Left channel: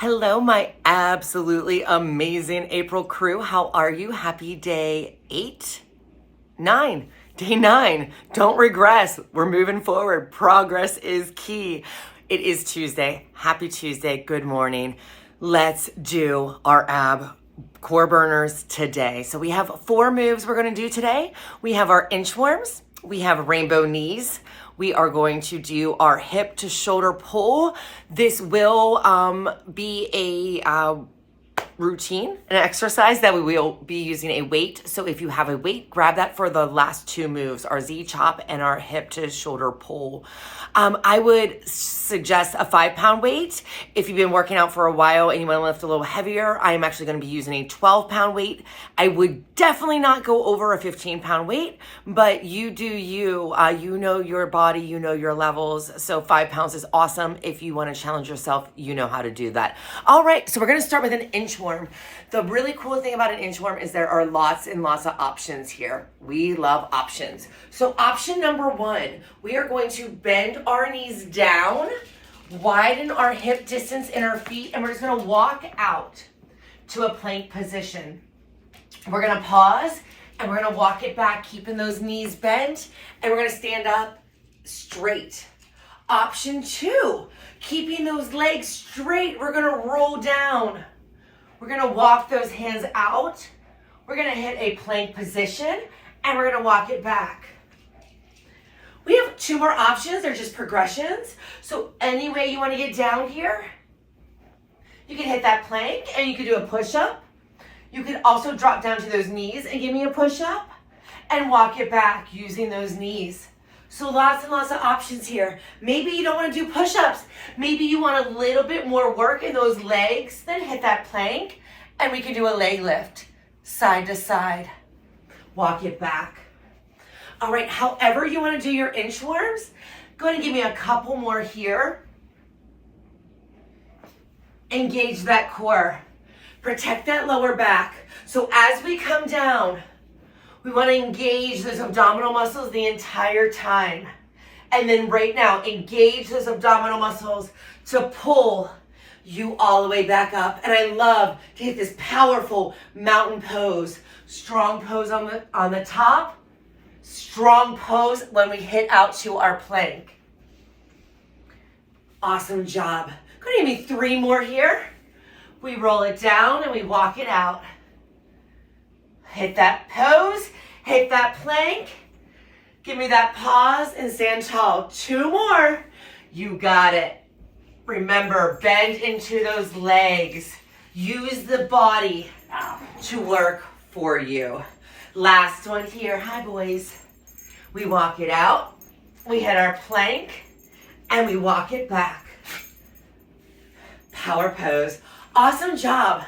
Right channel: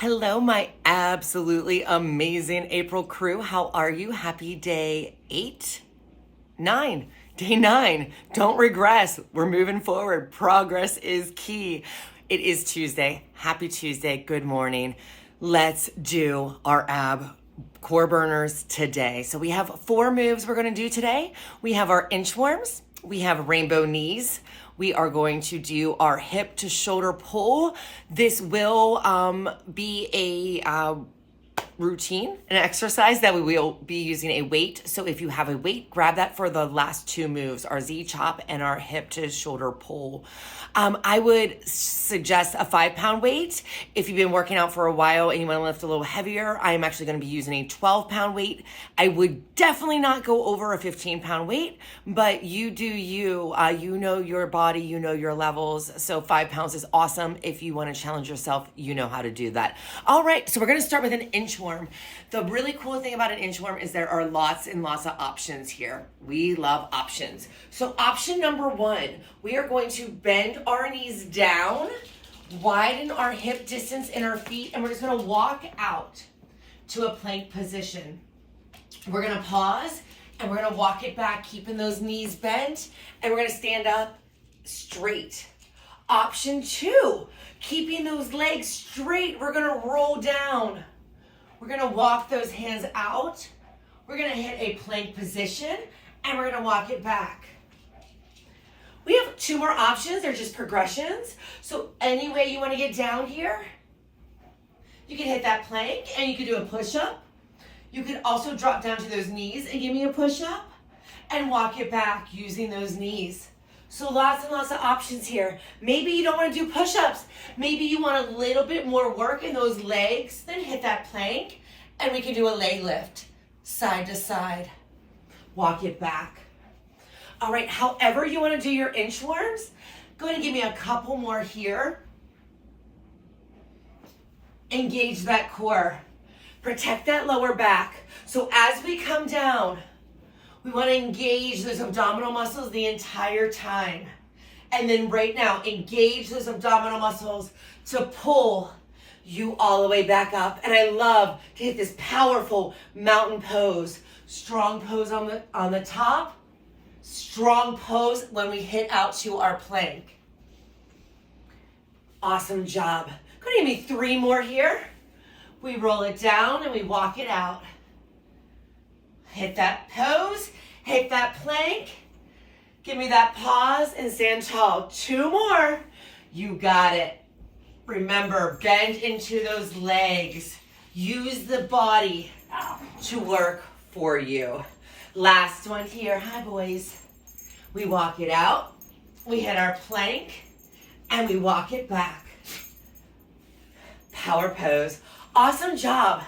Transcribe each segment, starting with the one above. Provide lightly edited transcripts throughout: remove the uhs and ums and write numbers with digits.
Hello, my absolutely amazing April crew. How are you? Happy day 9. Day 9. Don't regress. We're moving forward. Progress is key. It is Tuesday. Happy Tuesday. Good morning. Let's do our ab core burners today. So we have 4 moves we're going to do today. We have our inchworms. We have rainbow knees. We are going to do our hip to shoulder pull. This will be a routine, an exercise that we will be using a weight. So if you have a weight, grab that for the last 2 moves, our Z chop and our hip to shoulder pull. I would suggest a 5-pound weight. If you've been working out for a while and you want to lift a little heavier, I am actually going to be using a 12-pound weight. I would definitely not go over a 15-pound weight, but you do you. You know your body, you know your levels. So 5 pounds is awesome. If you want to challenge yourself, you know how to do that. All right, so we're going to start with an inchworm. The really cool thing about an inchworm is there are lots and lots of options here. We love options. So option number 1, we are going to bend our knees down, widen our hip distance in our feet, and we're just going to walk out to a plank position. We're going to pause and we're going to walk it back, keeping those knees bent, and we're going to stand up straight. Option 2, keeping those legs straight, we're going to roll down. We're going to walk those hands out. We're going to hit a plank position and we're going to walk it back. We have 2 more options. They're just progressions. So any way you want to get down here, you can hit that plank and you can do a push-up. You can also drop down to those knees and give me a push-up and walk it back using those knees. So lots and lots of options here. Maybe you don't want to do push-ups. Maybe you want a little bit more work in those legs. Then hit that plank and we can do a leg lift, side to side. Walk it back. All right, however you want to do your inchworms, go ahead and give me a couple more here. Engage that core. Protect that lower back. So as we come down, we want to engage those abdominal muscles the entire time. And then right now, engage those abdominal muscles to pull you all the way back up. And I love to hit this powerful mountain pose. Strong pose on the top. Strong pose when we hit out to our plank. Awesome job. Go ahead and give me 3 more here. We roll it down and we walk it out. Hit that pose, hit that plank. Give me that pause and stand tall. 2 more. You got it. Remember, bend into those legs. Use the body to work for you. Last one here. Hi, boys. We walk it out. We hit our plank and we walk it back. Power pose. Awesome job.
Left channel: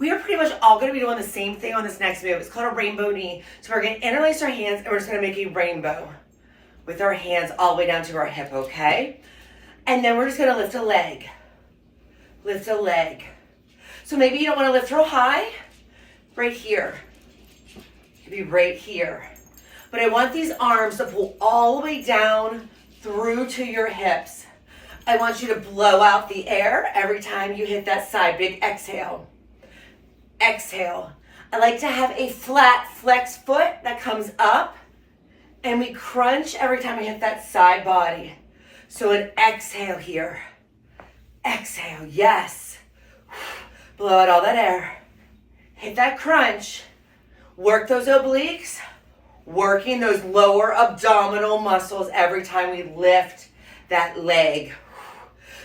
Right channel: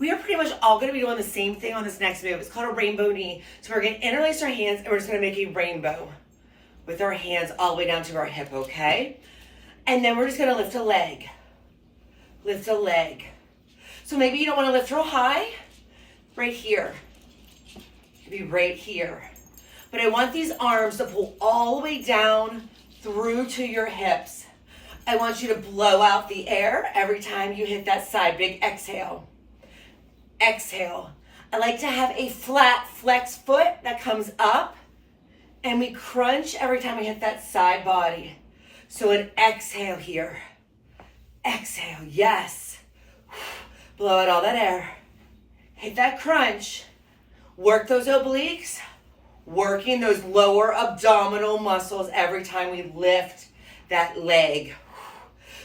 We are pretty much all going to be doing the same thing on this next move. It's called a rainbow knee. So we're going to interlace our hands and we're just going to make a rainbow with our hands all the way down to our hip, okay? And then we're just going to lift a leg. Lift a leg. So maybe you don't want to lift real high. Right here. Could be right here. But I want these arms to pull all the way down through to your hips. I want you to blow out the air every time you hit that side. Big exhale. Exhale. I like to have a flat flex foot that comes up and we crunch every time we hit that side body. So an exhale here. Exhale, yes. Blow out all that air. Hit that crunch. Work those obliques. Working those lower abdominal muscles every time we lift that leg.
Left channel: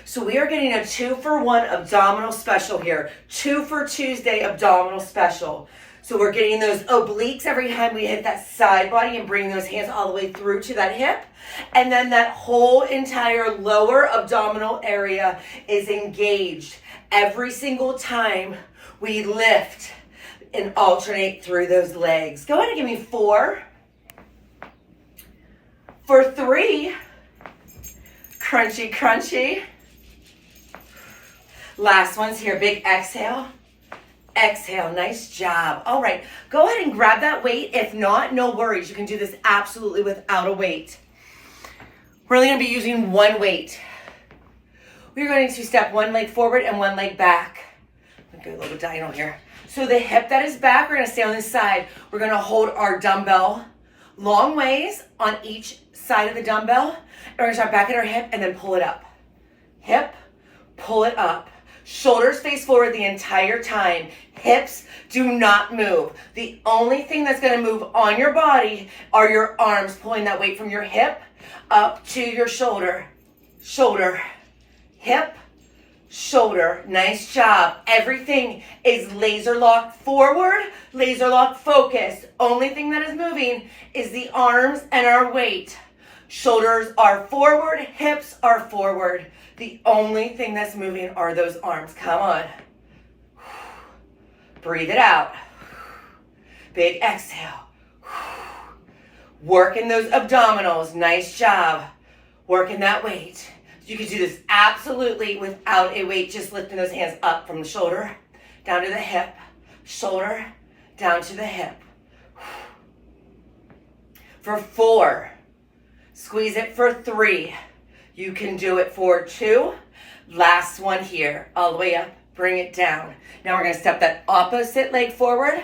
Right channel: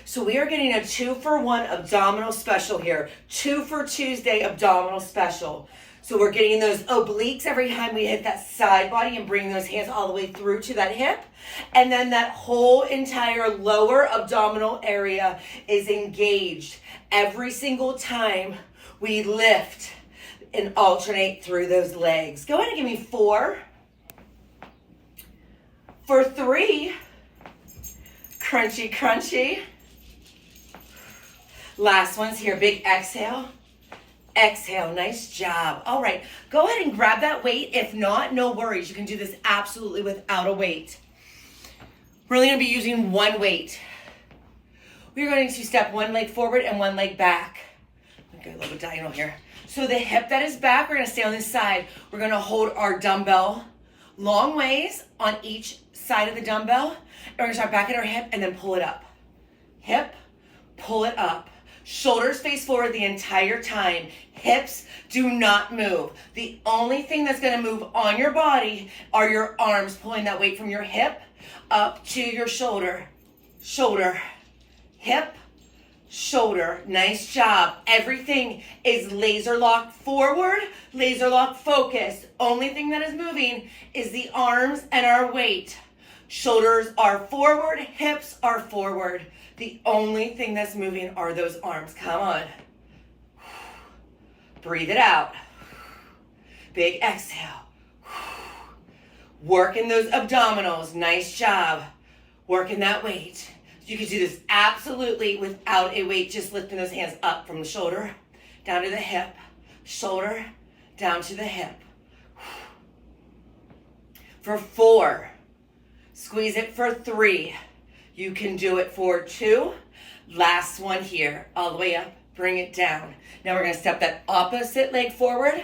So we are getting a 2-for-1 abdominal special here. 2 for Tuesday abdominal special. So we're getting those obliques every time we hit that side body and bring those hands all the way through to that hip. And then that whole entire lower abdominal area is engaged every single time we lift and alternate through those legs. Go ahead and give me 4. For 3, crunchy, crunchy. Last one's here, big exhale. Exhale, nice job. All right, go ahead and grab that weight. If not, no worries. You can do this absolutely without a weight. We're only gonna be using 1 weight. we're going to step one leg forward and one leg back. I'm going to go a little bit diagonal here. So the hip that is back, we're going to stay on this side. We're going to hold our dumbbell long ways on each side of the dumbbell. And we're going to start back at our hip and then pull it up. Hip, pull it up. Shoulders face forward the entire time. Hips do not move. The only thing that's going to move on your body are your arms, pulling that weight from your hip up to your shoulder. Shoulder, hip, shoulder. Nice job. Everything is laser locked forward, laser locked focus. Only thing that is moving is the arms and our weight. Shoulders are forward, hips are forward. The only thing that's moving are those arms. Come on. Breathe it out. Big exhale. Working those abdominals. Nice job. Working that weight. You can do this absolutely without a weight, just lifting those hands up from the shoulder, down to the hip, shoulder, down to the hip. For 4, squeeze it for 3. You can do it for 2. Last one here, all the way up, bring it down. Now we're gonna step that opposite leg forward,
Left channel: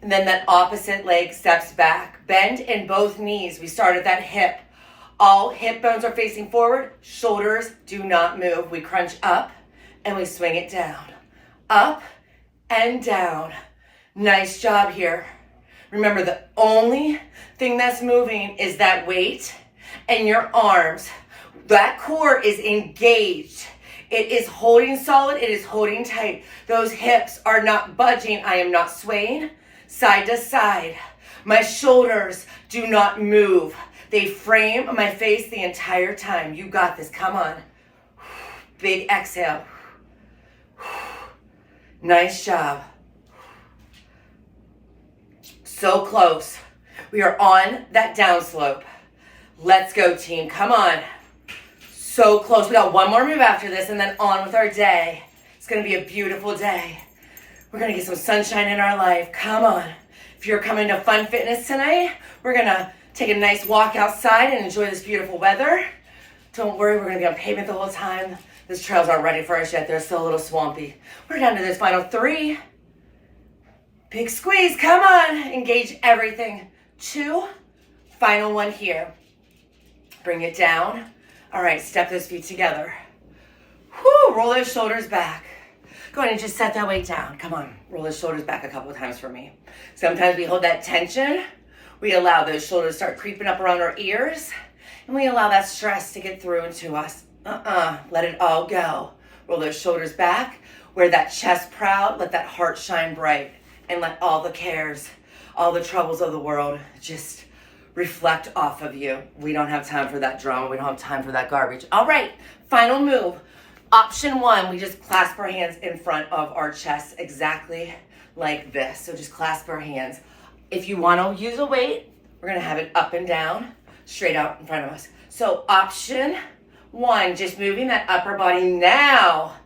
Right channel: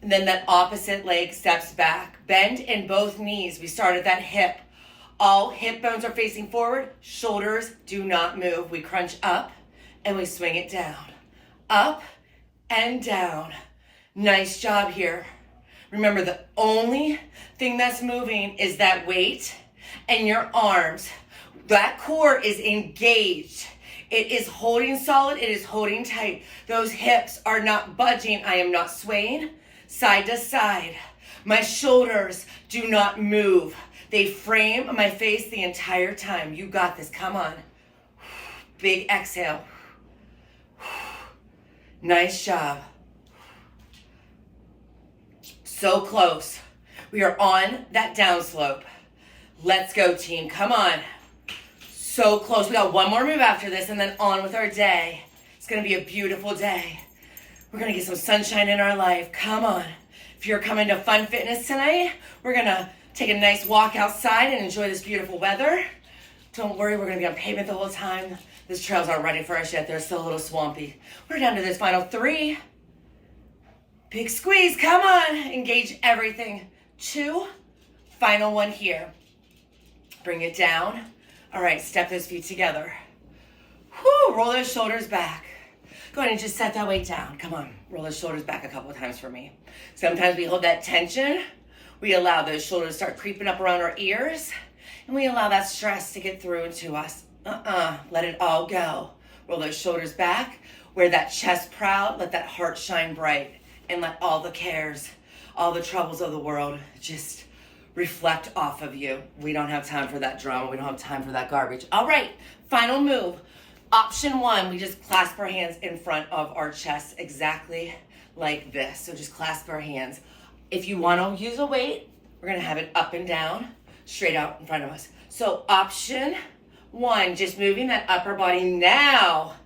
and then that opposite leg steps back. Bend in both knees. We start at that hip. All hip bones are facing forward. Shoulders do not move. We crunch up and we swing it down. Up and down. Nice job here. Remember, the only thing that's moving is that weight and your arms. That core is engaged. It is holding solid. It is holding tight. Those hips are not budging. I am not swaying side to side. My shoulders do not move. They frame my face the entire time. You got this. Come on. Big exhale. Nice job. So close. We are on that down slope. Let's go, team. Come on. So close. We got one more move after this and then on with our day. It's going to be a beautiful day. We're going to get some sunshine in our life. Come on. If you're coming to Fun Fitness tonight, we're going to take a nice walk outside and enjoy this beautiful weather. Don't worry, we're going to be on pavement the whole time. These trails aren't ready for us yet. They're still a little swampy. We're down to this final 3. Big squeeze. Come on. Engage everything. 2. Final one here. Bring it down. All right, step those feet together. Whew, roll those shoulders back. Go ahead and just set that weight down. Come on, roll those shoulders back a couple of times for me. Sometimes we hold that tension. We allow those shoulders to start creeping up around our ears. And we allow that stress to get through into us. Let it all go. Roll those shoulders back. Wear that chest proud. Let that heart shine bright. And let all the cares, all the troubles of the world just reflect off of you. We don't have time for that drama. We don't have time for that garbage. All right, final move. Option 1, we just clasp our hands in front of our chest exactly like this. So just clasp our hands. If you want to use a weight, we're going to have it up and down, straight out in front of us. So option 1, just moving that upper body. Now,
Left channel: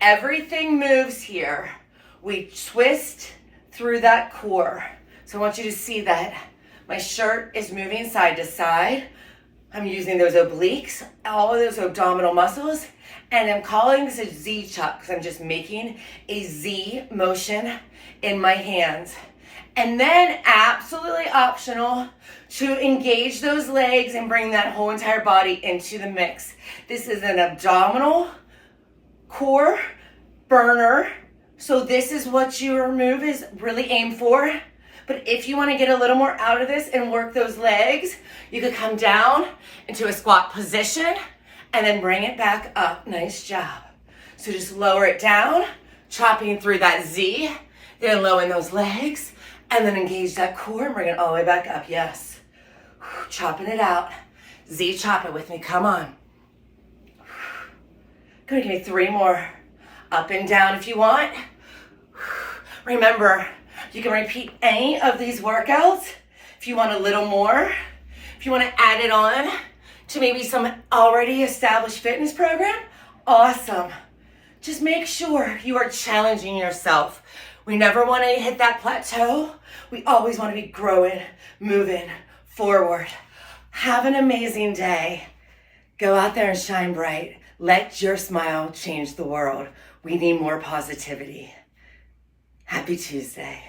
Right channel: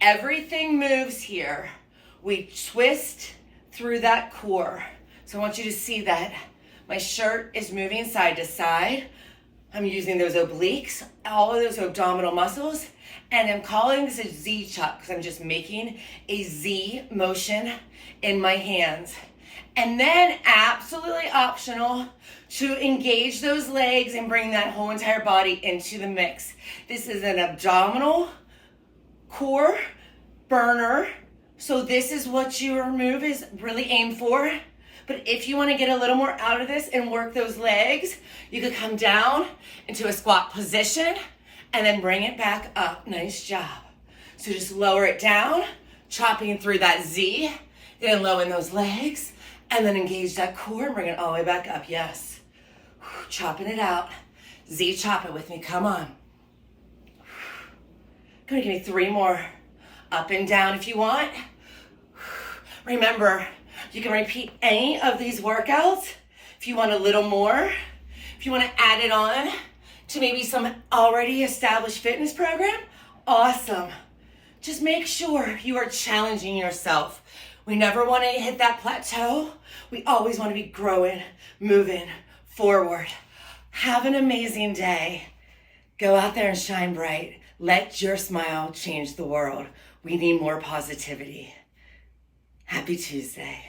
everything moves here. We twist through that core. So I want you to see that my shirt is moving side to side. I'm using those obliques, all of those abdominal muscles, and I'm calling this a Z chop because I'm just making a Z motion in my hands. And then absolutely optional to engage those legs and bring that whole entire body into the mix. This is an abdominal core burner. So this is what your move is really aimed for. But if you want to get a little more out of this and work those legs, you could come down into a squat position and then bring it back up. Nice job. So just lower it down, chopping through that Z, then low in those legs, and then engage that core and bring it all the way back up. Yes. Chopping it out. Z, chop it with me. Come on. Good. Give me 3 more. Up and down if you want. Remember, you can repeat any of these workouts if you want a little more. If you want to add it on to maybe some already established fitness program, awesome. Just make sure you are challenging yourself. We never want to hit that plateau. We always want to be growing, moving forward. Have an amazing day. Go out there and shine bright. Let your smile change the world. We need more positivity. Happy Tuesday.